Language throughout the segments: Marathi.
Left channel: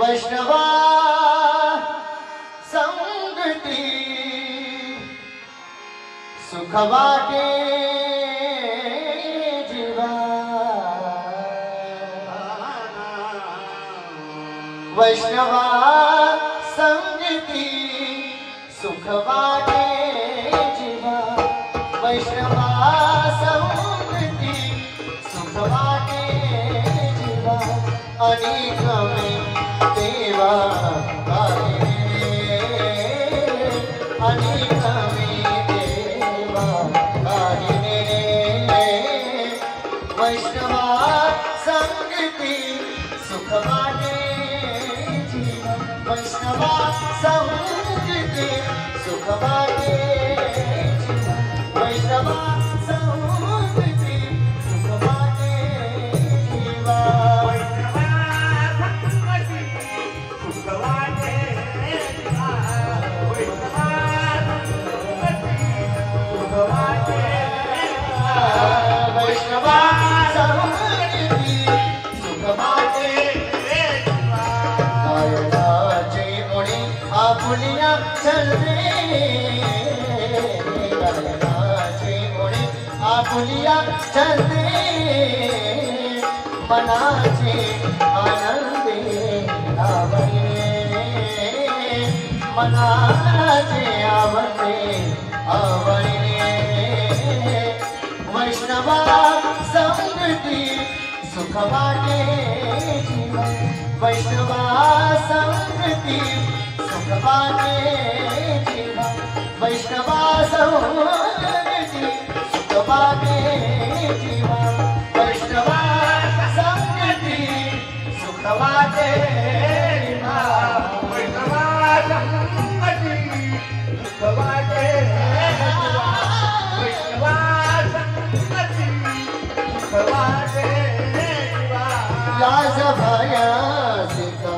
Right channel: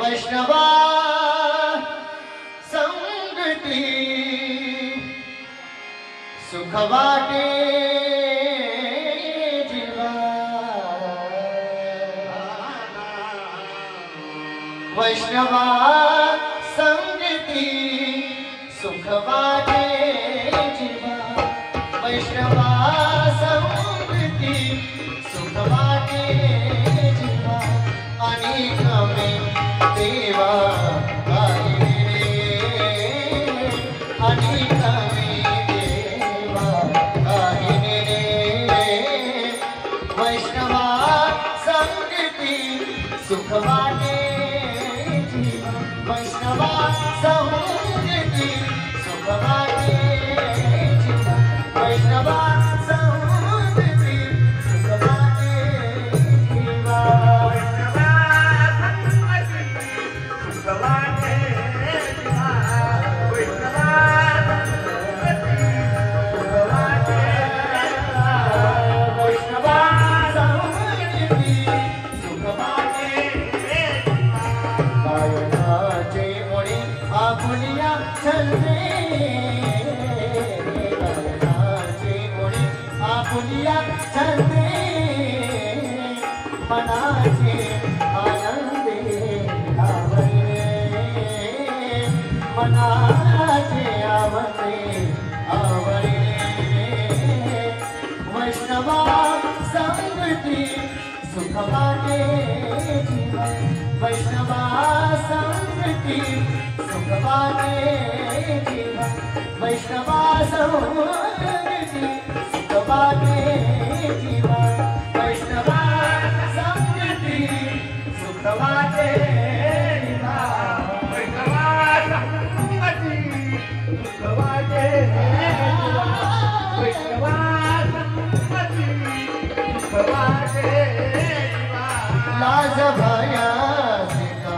वैष्णवा संगती सुख वाटे जीवा वैष्णवा संगती सुख वाटे जीवा वैष्णवा संगती सुख वाटे जीवा अनेक में देवा अनेक वैष्णवा संगती सुख वाटे जीवा वैष्णवा संगती सुख वाटे जीवा वैष्णवा संगती सुख वाटे जीवा मनाचे आनंदे मनाचे आवडे वैष्णवा संगती सुख वाटे जीवा वैष्णवा संगती सुख वाटे जीवा वैष्णवा संगती सुख वाटे जीवा वैष्णवा संगती सुख वाटे जीवा वैष्णवा संगती सुख वाटे वैष्णवा संगती सुख वाटे लाज भया सीता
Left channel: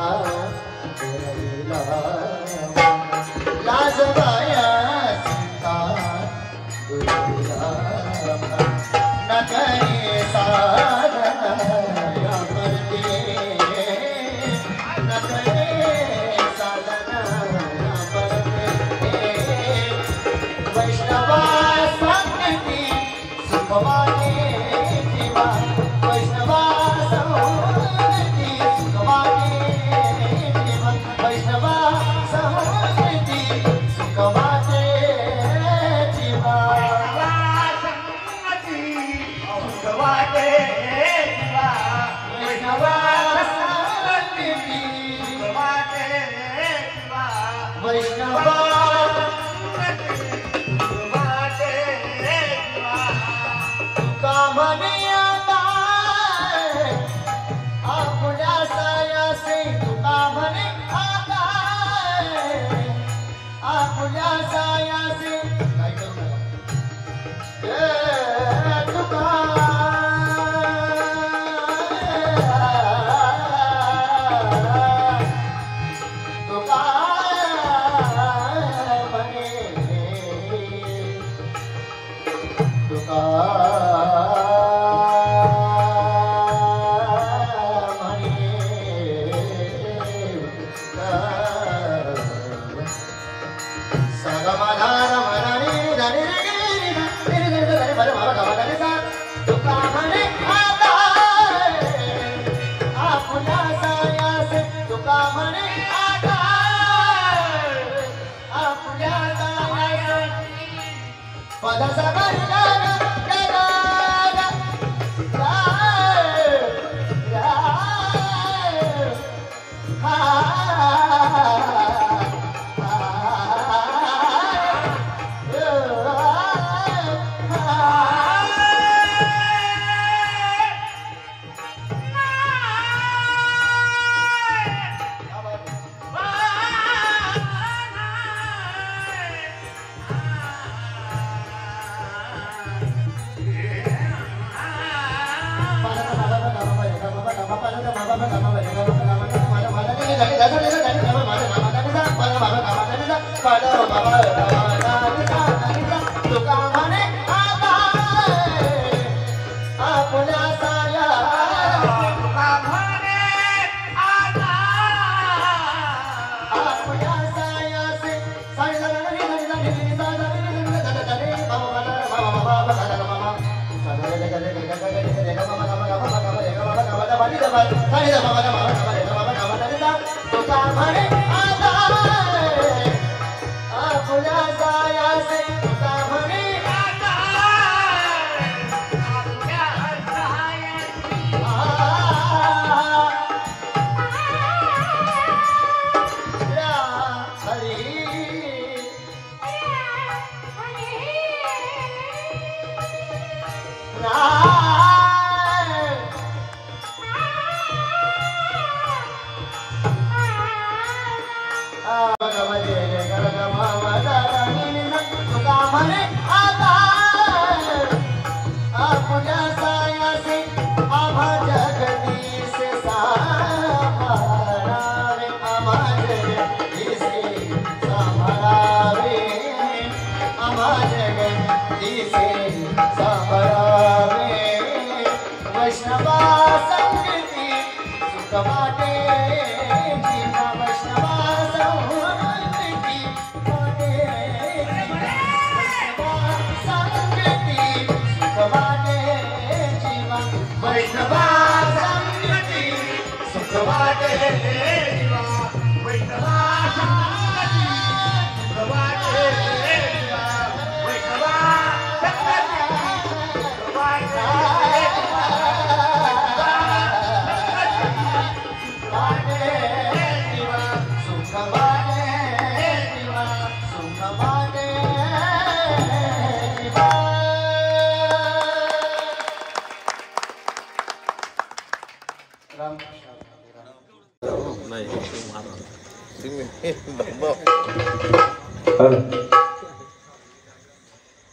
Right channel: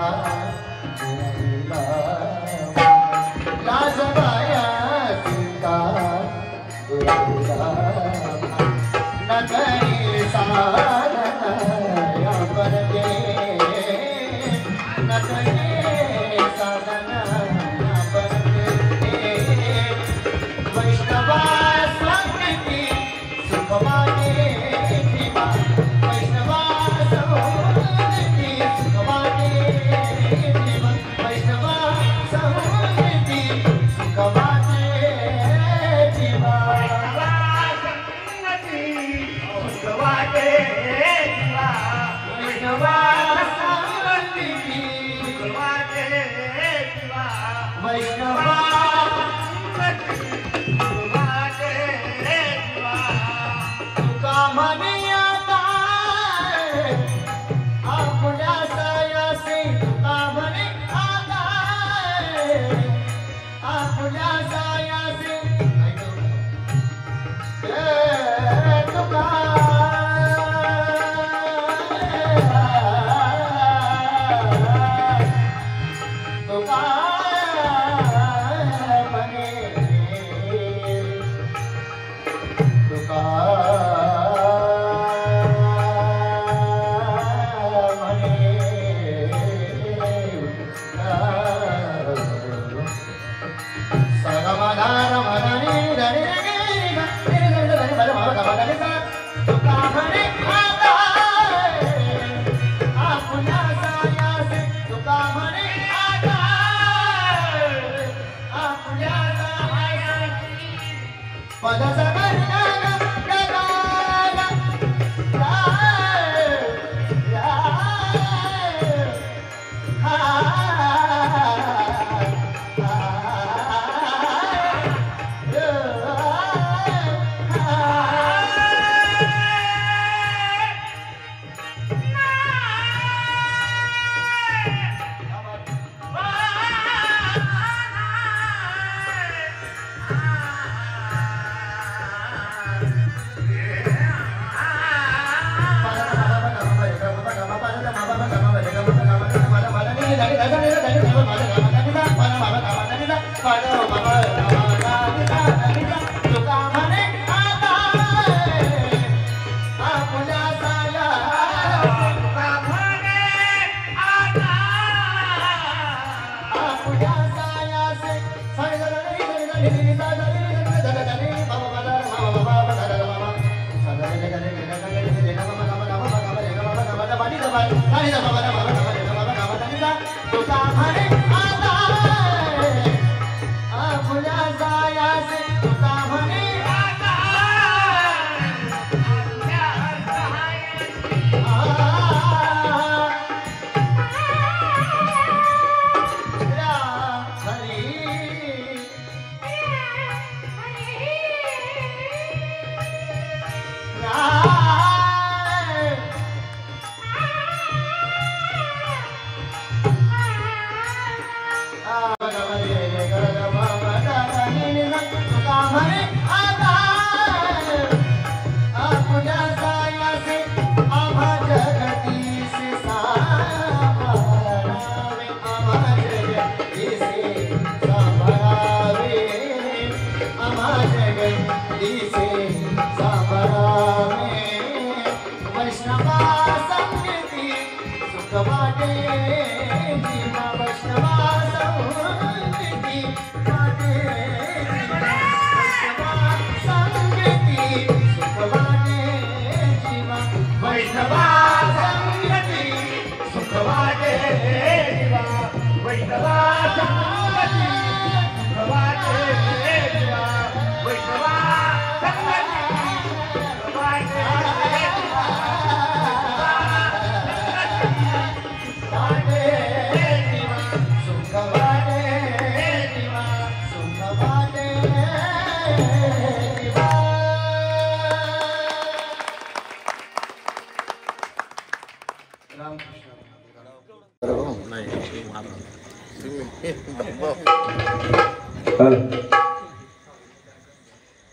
लाज भया सीता न करिए साधना या परदे न करिए साधना या परदे वैष्णवा संगती सुख वाटे जीवा वैष्णवा संगती सुख वाटे जीवा वैष्णवा संगती सुख वाटे जीवा वैष्णवा संगती सुख वाटे जीवा वैष्णवा कामने आता आपल्या सायासी कामने आता आपल्या सायासी तुका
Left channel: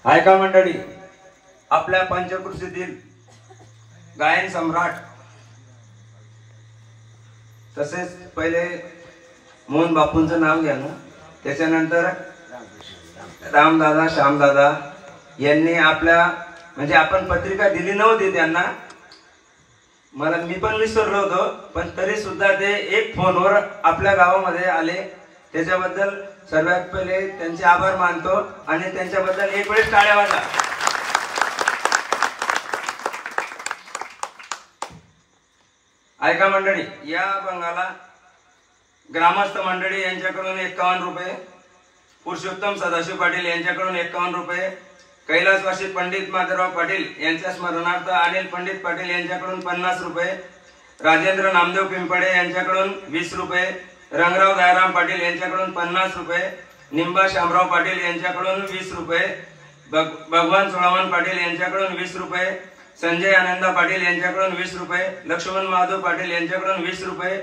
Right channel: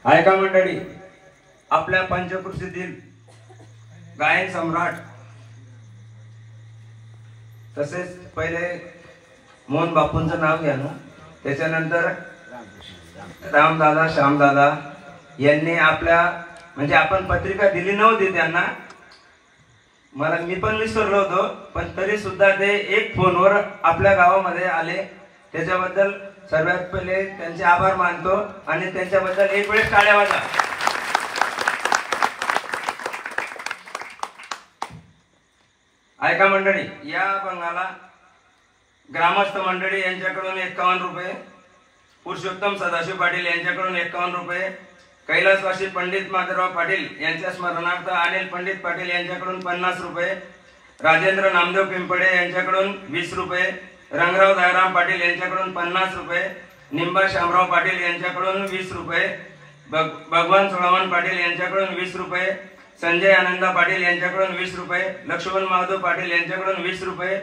हाय का मंडळी, आपल्या पंचकृषीतील गायन सम्राट तसेच पहिले मोहन बापूंचं नाव घ्या ना, त्याच्यानंतर रामदादा श्यामदादा यांनी आपल्या म्हणजे आपण पत्रिका दिली नव्हती त्यांना, मी पण विसरलो होतो, पण तरी सुद्धा ते एक फोनवर आपल्या गावामध्ये आले, त्याच्याबद्दल सर्वात पहिले त्यांचे आभार मानतो आणि त्यांच्याबद्दल एक वेळेस टाळ्या वाजा. ऐका मंडळी, या बंगाला ग्रामस्थ मंडळी यांच्याकडून 51 रुपये, पुरुषोत्तम सदाशिव पाटील यांच्याकडून 51 रुपये, कैलासवासी पंडित माधवराव पाटील यांच्या स्मरणार्थ अनिल पंडित पाटील यांच्याकडून 50 रुपये, राजेंद्र नामदेव पिंपळे यांच्याकडून 20 रुपये, रंगराव दयाराम पाटील यांच्याकडून 50 रुपये, निंबा शामराव पाटील यांच्याकडून 20 रुपये, भगवान सोळावन पाटील यांच्याकडून 20 रुपये, संजय आनंदा पाटील यांच्याकडून 20 रुपये, लक्ष्मण महादेव पाटील यांच्याकडून 20 रुपये,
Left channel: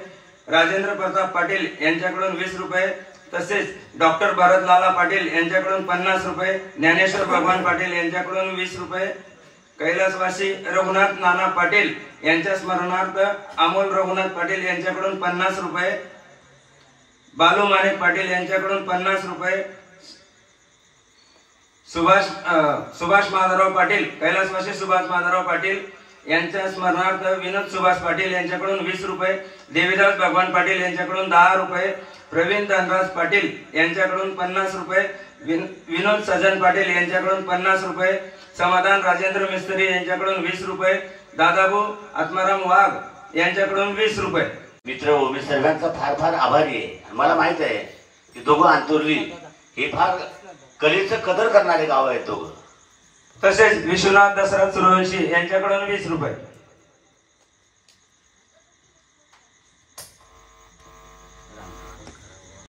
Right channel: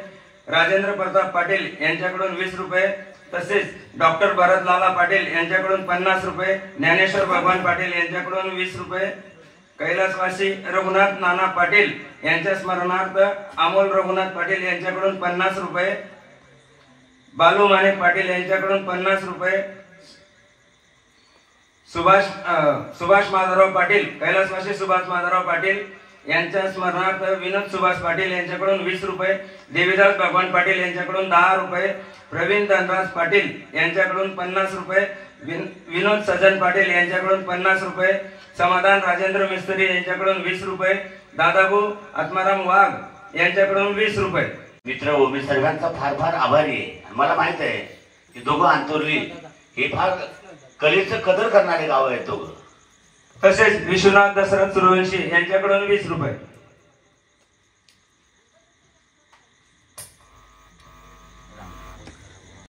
राजेंद्र प्रताप पाटील यांच्याकडून 20 रुपये, तसेच डॉक्टर भरतलाला पाटील यांच्याकडून 50 रुपये, ज्ञानेश्वर भगवान पाटील यांच्याकडून 20 रुपये, कैलासवासी रघुनाथ नाना पाटील यांच्या स्मरणार्थ अमोल रघुनाथ पाटील यांच्याकडून 50 रुपये, बालू माणिक पाटील यांच्याकडून 50 रुपये, सुभाष माधवराव पाटील कैलासवासी सुभाष माधवराव पाटील यांच्या स्मरणार्थ विनोद सुभाष पाटील यांच्याकडून 20 रुपये, देवीदास भगवान पाटील यांच्याकडून 10 रुपये, प्रवीण धनराज पाटील यांच्याकडून 50 रुपये, विनोद सजन पाटील यांच्याकडून 50 रुपये, समाधान राजेंद्र मिस्त्री यांच्याकडून 20 रुपये, दादाभाऊ आत्माराम वाघ यांच्याकडून 20 रुपये. मित्र हो, मी सर्वांचा फार फार आभारी आहे. मला माहित आहे की दोघं अंतुर्ली हे फार कलेचं कदर करणारे गाव आहेत दोघं. तसेच विश्वनाथ दशरथ सूर्यवंशी यांच्याकडून 20 रुपये.